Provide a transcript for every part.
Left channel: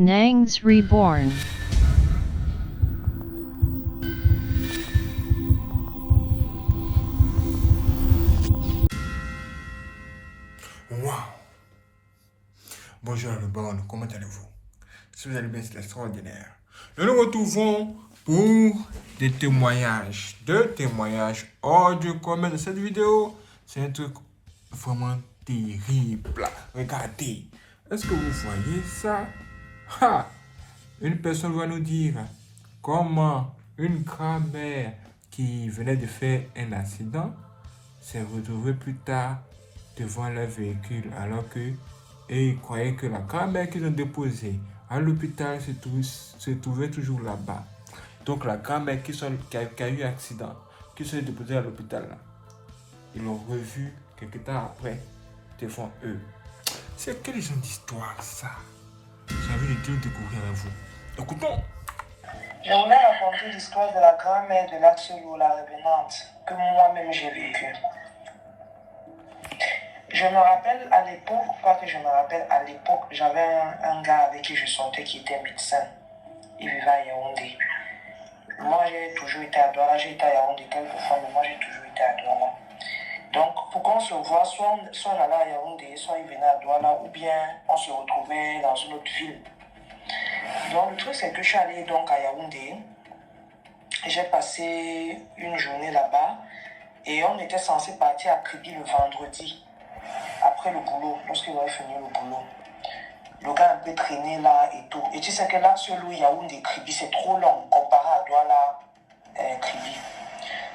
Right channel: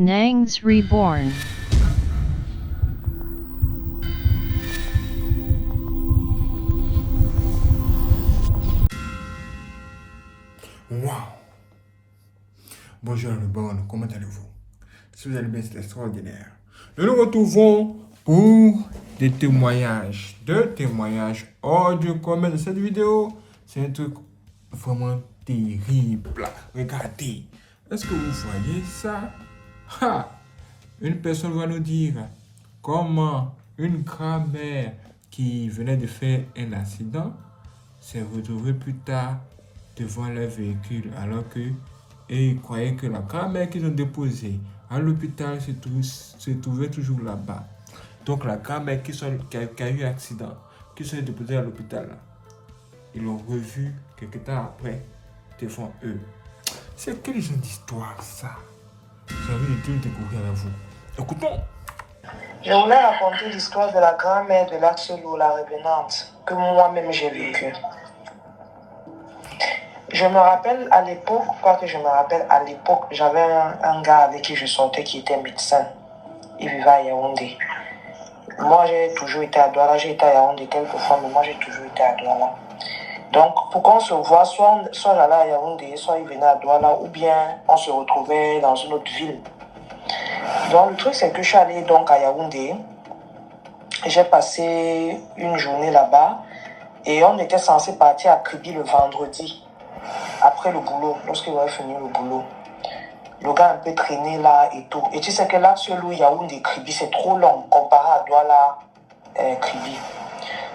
Nangs Reborn. Waouh! Bonjour le bon, comment allez-vous? Si vous allez bien, c'est extraordinaire. Nous nous retrouvons pour des témoignages. Deux témoignages hors du commun de cette vidéo. C'est un truc vraiment terrible. Regardez. Est-ce que vous voyez ça? Ha! Une personne va nous dire comment une grand-mère qui venait de faire un accident s'est retrouvée plus tard devant leur véhicule alors que et ils croyaient que la grand-mère qu'ils ont déposée à l'hôpital se trouvait toujours là-bas. Donc la grand-mère qui a eu un accident, qui s'est déposée à l'hôpital, là, ils l'ont revue quelques temps après devant eux. C'est quel genre d'histoire ça? J'ai envie de tout découvrir avec vous. Écoutons. Je voulais raconter l'histoire de la grand-mère de l'Axelou, la revenante, que moi-même j'ai vécue. Je me rappelle à l'époque, j'avais un gars avec qui je sortais qui était médecin. Il vivait à Yaoundé. Moi, j'ai toujours été à Douala. J'ai été à Yaoundé quelques fois, mais moi, j'ai toujours été à Douala. Donc, pour qu'on se voit, soit j'allais à Yaoundé, soit il venait à Douala, ou bien on se retrouvait dans une autre ville. Donc, le truc, c'est que je suis allée donc à Yaoundé. J'ai passé une journée là-bas et on était censé partir à Kribi le vendredi, après le boulot, lorsqu'il aurait fini le boulot. Le gars a un peu traîné là et tout. Et tu sais que là, sur l'eau Yaoundé Kribi, c'est trop long comparé à Douala Kribi.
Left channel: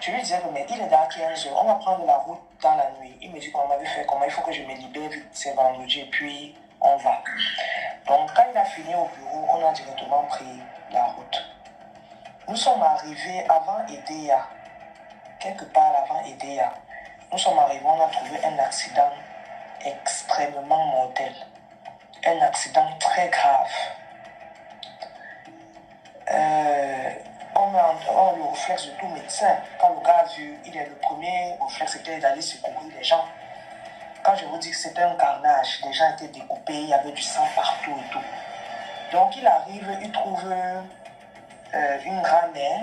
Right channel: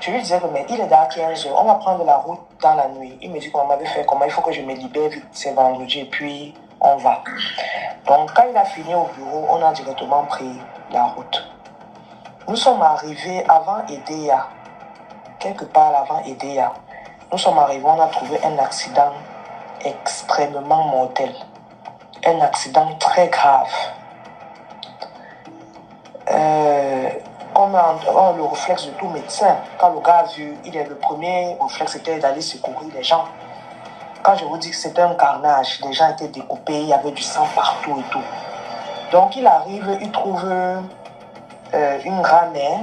Je lui disais que mais il est dans 15 heures, on va prendre la route dans la nuit. Il me dit qu'on m'avait fait comment, il faut que je me libère vite, c'est vendredi et puis on va. Donc quand il a fini au bureau, on a directement pris la route. Nous sommes arrivés avant Edea, quelque part avant Edea. Nous sommes arrivés, on a trouvé un accident extrêmement mortel. Un accident très grave. On a le réflexe de tout médecin. Quand le gars a vu, le premier réflexe était d'aller secourir les gens. Quand je vous dis que c'était un carnage, les gens étaient découpés, il y avait du sang partout et tout. Donc il arrive, il trouve une grand-mère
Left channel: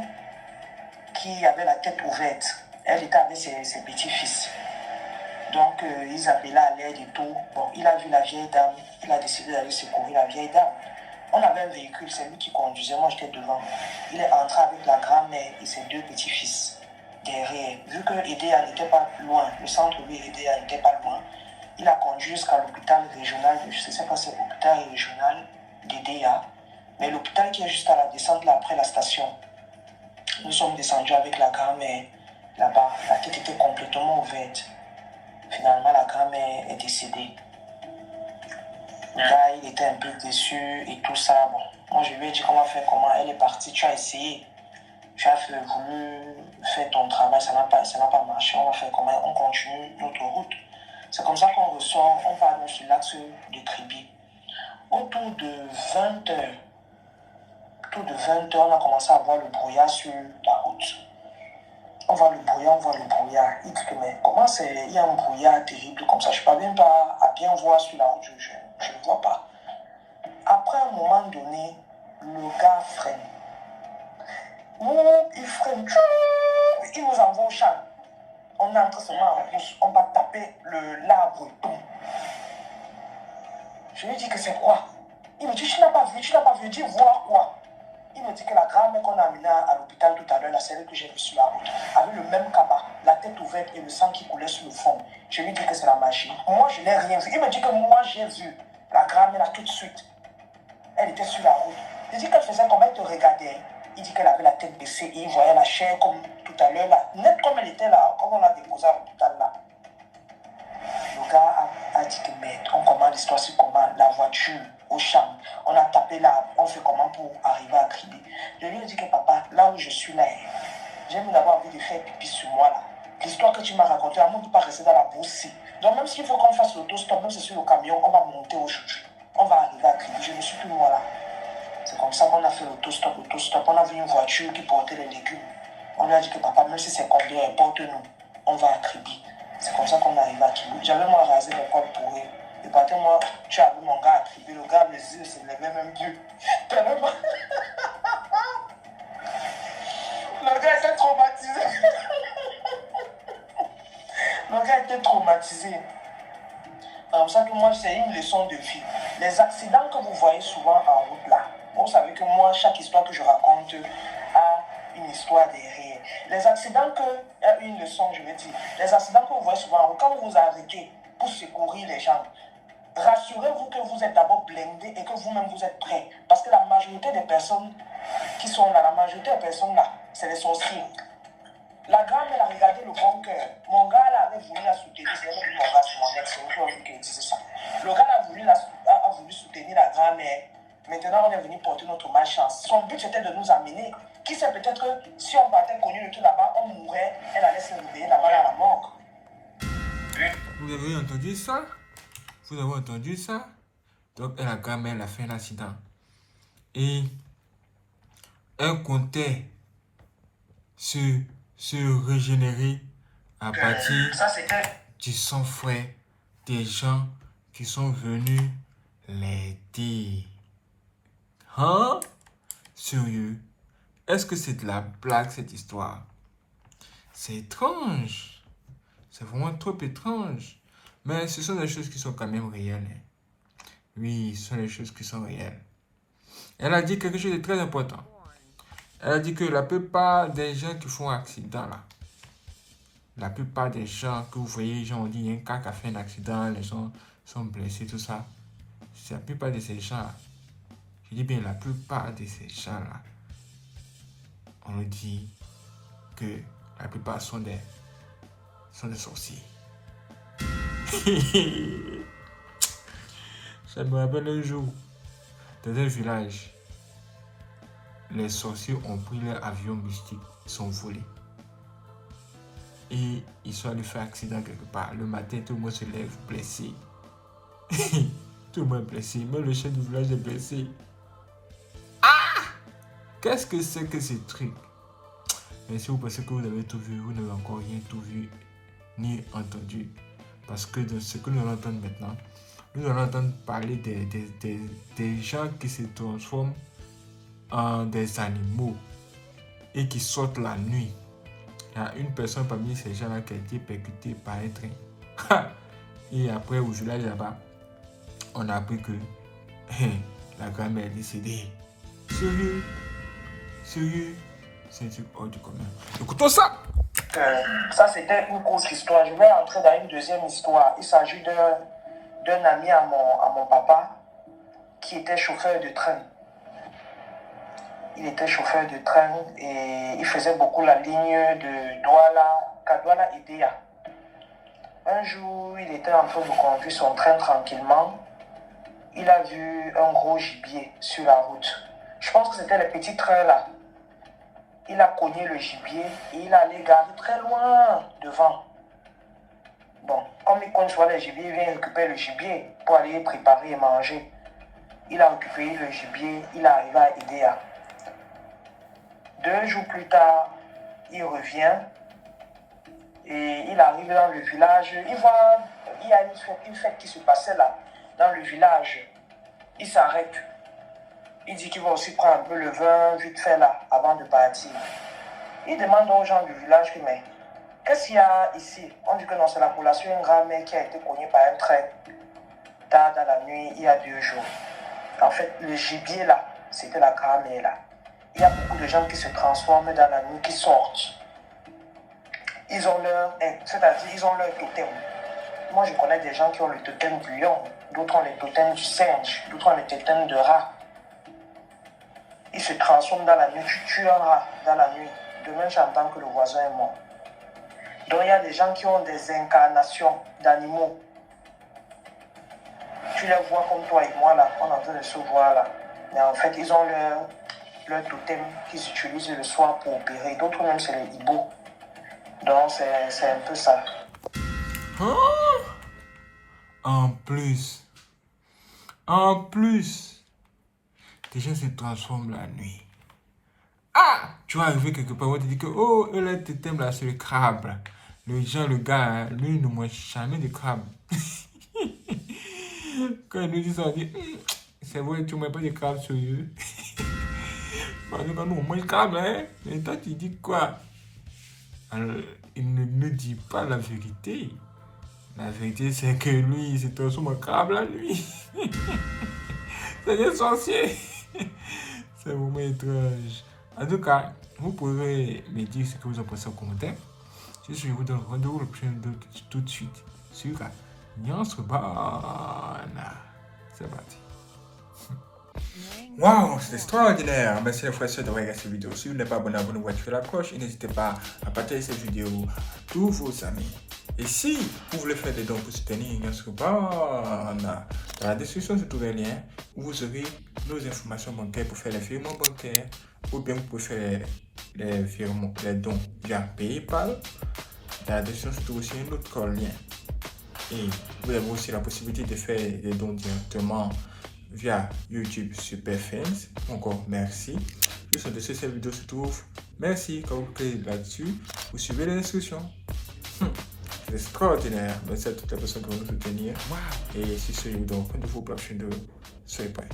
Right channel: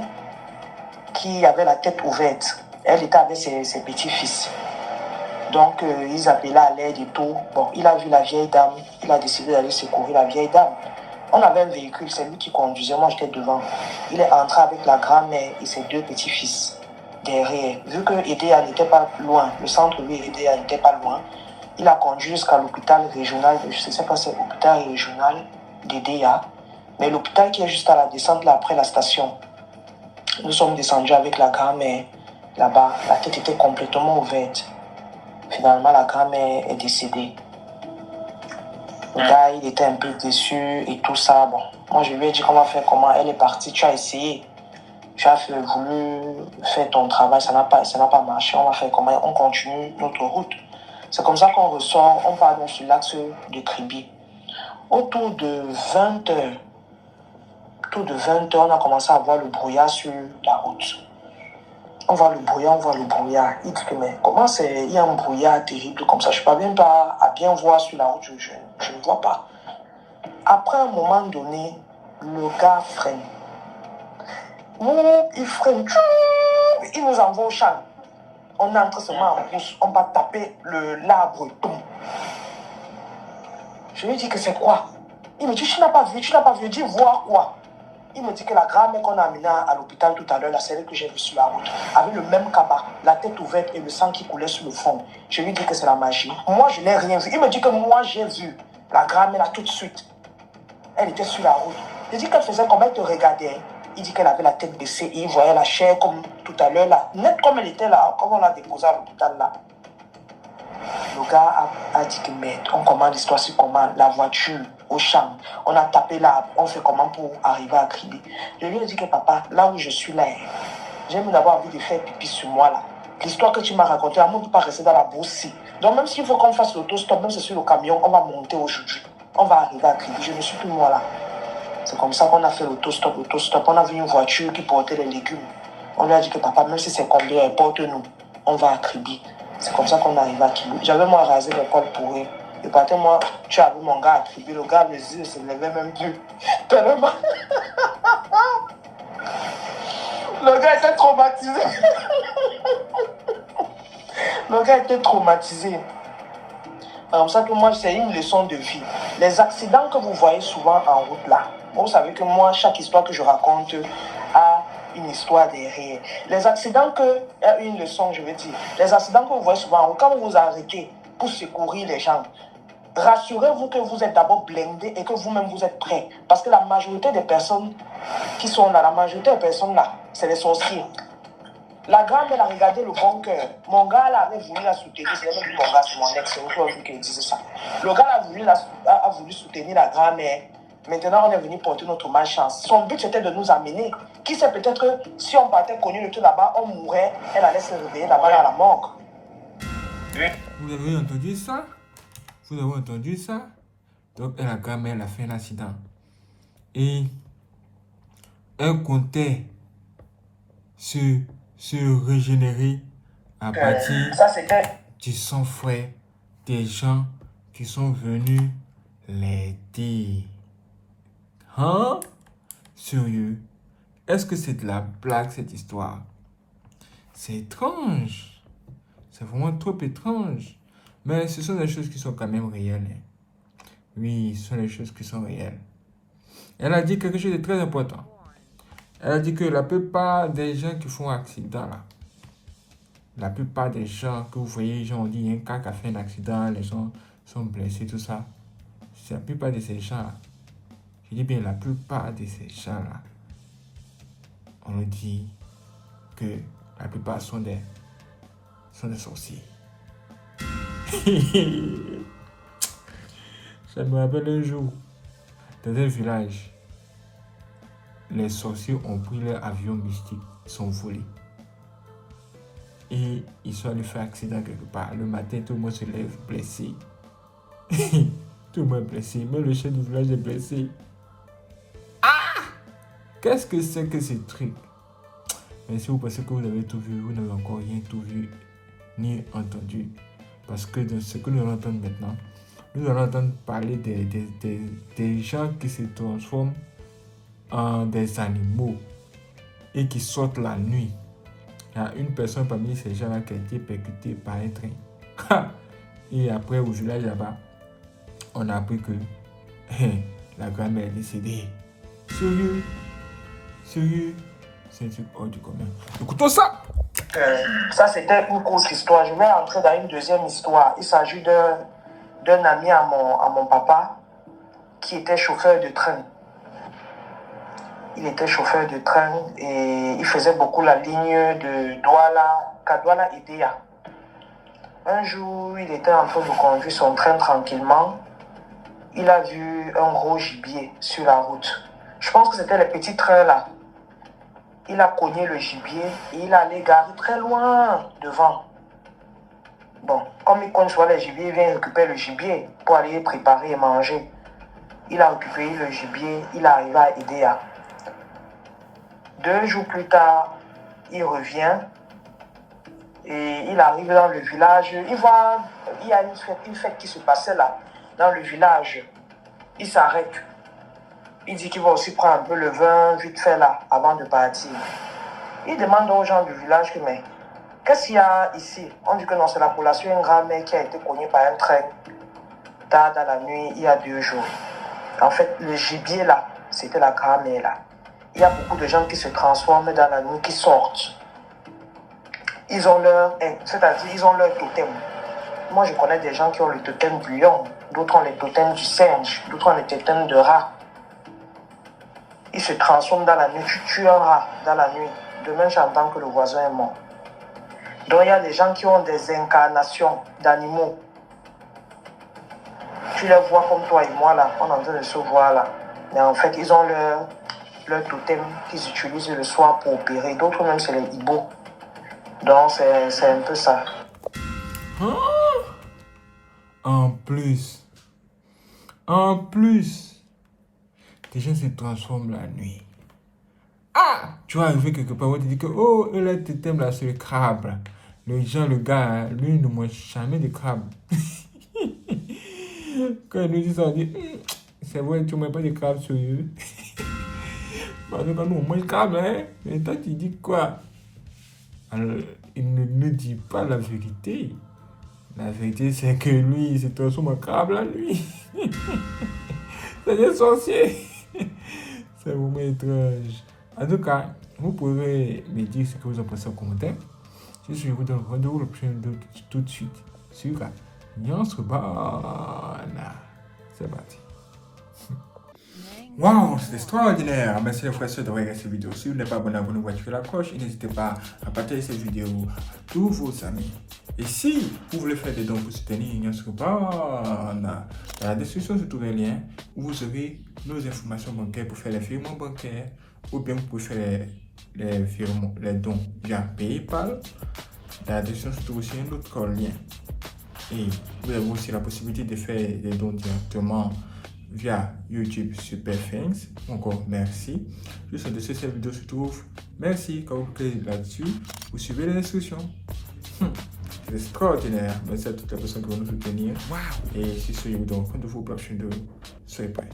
qui avait la tête ouverte. Elle était avec ses petits-fils. Donc, ils appelaient à l'aide et tout. Bon, il a vu la vieille dame. Il a décidé d'aller secourir la vieille dame. On avait un véhicule, c'est lui qui conduisait. Moi, j'étais devant. Il est entré avec la grand-mère et ses deux petits-fils derrière. Vu que Edea n'était pas loin, le centre-ville Edea n'était pas loin, il a conduit jusqu'à l'hôpital régional. Je ne sais pas si c'est l'hôpital régional d'Edea, mais l'hôpital qui est juste à la descente là, après la station. Nous sommes descendus avec la grand-mère là-bas. La tête était complètement ouverte. Finalement, la grand-mère est décédée. Le gars, il était un peu déçu et tout ça. Bon, moi, je lui ai dit qu'on va faire comment. Elle est partie, tu as essayé. Tu as voulu faire ton travail, ça n'a pas marché. On va faire comment? On continue notre route. C'est comme ça qu'on ressort. On part donc sur l'axe de Kribi. Autour de 20 heures, on a commencé à voir le brouillard sur la route. On voit le brouillard. Il dit que mais comment il y a un brouillard terrible comme ça? Je ne parviens pas à bien voir sur la route, je ne vois pas. Après un moment donné, le gars freine. Il freine, il nous envoie au champ. On entre seulement en course, on va taper l'arbre. Je lui dis que c'est quoi? Il me dit, tu n'as pas vu, dis voir quoi? Il me dit que la grand-mère qu'on a amenée à l'hôpital tout à l'heure, la celle que j'ai vue sur la route, avait le même cabas, la tête ouverte et le sang qui coulait sur le front. Je lui dis que c'est la magie. Moi, je n'ai rien vu. Il me dit que moi, j'ai vu la grand-mère là tout de suite. Elle était sur la route. Je dis qu'elle faisait comme elle te regardait. Il dit qu'elle avait la tête baissée et il voyait la chair comme tout à l'heure là, nette comme elle était là, comme on l'a déposée à l'hôpital là. Le gars a dit que mais on commande l'histoire sur comment la voiture au champ. On a tapé l'arbre, on fait comment pour arriver à Kribi. Je lui ai dit que papa, là où je suis là, j'aime d'avoir envie de faire pipi sur moi là. L'histoire que tu m'as racontée, elle ne peut pas rester dans la bourse. Donc même s'il faut qu'on fasse l'autostop, même si c'est sur le camion, on va monter aujourd'hui. On va arriver à Kribi. Je ne suis plus moi là. C'est comme ça qu'on a fait l'autostop. On a vu une voiture qui portait les légumes. On lui a dit que papa, même si c'est combien, porte-nous. On va à Kribi. C'est comme ça qu'on arrive à Kribi. J'avais moi rasé les poils pourris. Et par contre, moi, je suis avec mon gars attribué. Le gars, les yeux se levaient même plus. Tellement. Le gars était traumatisé. Le gars était traumatisé. Comme ça que moi, c'est une leçon de vie. Les accidents que vous voyez souvent en route là, vous savez que moi, chaque histoire que je raconte a une histoire derrière. Les accidents une leçon, je veux dire. Les accidents que vous voyez souvent en route, quand vous vous arrêtez pour secourir les gens, rassurez-vous que vous êtes d'abord blindé et que vous-même vous êtes prêt. Parce que la majorité des personnes qui sont là, c'est les sorciers. La grand elle a regardé le bon cœur. Mon gars là, avait voulu la soutenir. C'est même plus mon gars, c'est mon ex. C'est une fois qui disait ça. Le gars a voulu soutenir la grand-mère. Maintenant, on est venu porter notre malchance. Son but c'était de nous amener. Qui sait, peut-être que si on partait connu le tout là-bas, on mourrait. Elle allait se réveiller là-bas dans la morgue. Vous avez entendu ça? Vous avez entendu ça? Donc, la grand-mère a fait un accident. Et elle comptait se régénérer à partir du sang frais des gens qui sont venus l'aider. Hein? Sérieux? Est-ce que c'est de la blague cette histoire? C'est étrange. C'est vraiment trop étrange. Mais ce sont des choses qui sont quand même réelles. Hein. Oui, ce sont des choses qui sont réelles. Elle a dit quelque chose de très important. Elle a dit que la plupart des gens qui font accident là, la plupart des gens que vous voyez, les gens ont dit, il y a un cas qui a fait un accident, les gens sont blessés, tout ça. C'est la plupart de ces gens là. Je dis bien la plupart de ces gens là. On nous dit que la plupart sont des sorciers. Ça me rappelle un jour, dans un village, les sorciers ont pris leur avion mystique, ils sont volés. Et ils sont allés faire accident quelque part. Le matin, tout le monde se lève blessé. Tout le monde est blessé. Même le chef du village est blessé. Ah! Qu'est-ce que c'est que ces trucs? Mais si vous pensez que vous avez tout vu, vous n'avez encore rien tout vu ni entendu. Parce que dans ce que nous allons entendre maintenant, nous allons entendre parler des gens qui se transforment en des animaux et qui sortent la nuit. Il y a une personne parmi ces gens-là qui a été percutée par un train. Et après, au village là-bas, on a appris que la grand-mère est décédée. Sérieux? Sérieux? C'est un truc hors du commun. Écoutons ça! Ça, c'était une courte histoire. Je vais entrer dans une deuxième histoire. Il s'agit d'un ami à mon papa qui était chauffeur de train. Il était chauffeur de train et il faisait beaucoup la ligne de Kadouala-Idéa. Un jour, il était en train de conduire son train tranquillement. Il a vu un gros gibier sur la route. Je pense que c'était les petits trains là. Il a cogné le gibier et il allait garer très loin devant. Bon, comme il cogne sur les gibiers, il vient récupérer le gibier pour aller préparer et manger. Il a récupéré le gibier, il est arrivé à Idéa. 2 jours plus tard, il revient et il arrive dans le village. Il voit, il y a une fête qui se passait là, dans le village. Il s'arrête. Il dit qu'il va aussi prendre un peu le vin vite fait là, avant de partir. Il demande aux gens du village que, mais qu'est-ce qu'il y a ici? On dit que non, c'est la population, une grand-mère qui a été cognée par un train tard dans la nuit, il y a 2 jours. En fait, le gibier là, c'était la grand-mère là. Il y a beaucoup de gens qui se transforment dans la nuit, qui sortent. Ils ont leur totem. Moi, je connais des gens qui ont le totem du lion, d'autres ont le totem du singe, d'autres ont le totem de rat. Ils se transforment dans la nuit. Tu tues un rat dans la nuit. Demain, j'entends que le voisin est mort. Donc, il y a des gens qui ont des incarnations d'animaux. Tu les vois comme toi et moi là, on est en train de se voir là. Mais en fait, ils ont leur totem qu'ils utilisent le soir pour opérer. D'autres même, c'est les hiboux. Donc, c'est un peu ça. Hein? En plus, les gens se transforment la nuit. Ah! Tu vas arriver quelque part, on te dit que, oh, le totem là, c'est le crabe. Le gars, lui, ne mange jamais de crabe. Quand il nous dit ça, on dit, c'est vrai, tu ne mets pas de crabe sérieux. Parce que quand nous, on mange crabe, hein. Et toi, tu dis quoi? Alors, il ne nous dit pas la vérité. La vérité, c'est que lui, il se transforme en crabe la nuit. C'est des sorciers. C'est vraiment étrange. En tout cas, vous pouvez me dire ce que vous en pensez en commentaire. Je vous donne rendez-vous le prochain vidéo tout de suite sur Nuance Urbana. C'est parti. Waouh, c'est extraordinaire! Merci les frères et sœurs de regarder cette vidéo. Si vous n'êtes pas abonné, abonnez-vous, activez la cloche et n'hésitez pas à partager cette vidéo à tous vos amis. Et si vous voulez faire des dons pour soutenir Nuance Urbana, dans la description, se trouve un lien où vous aurez nos informations bancaires pour faire les virements bancaires ou bien vous pouvez faire les virements, les dons via PayPal. Dans la description, se trouve aussi un autre lien. Et vous avez aussi la possibilité de faire des dons directement via YouTube Super Fans. Encore merci. Juste en dessous de cette vidéo se trouve. Merci. Quand vous cliquez là-dessus, vous suivez les instructions. C'est extraordinaire. Merci à toutes les personnes qui vont nous soutenir. Et si ce, je vous donne rendez-vous pour la prochaine vidéo. Soyez prêts.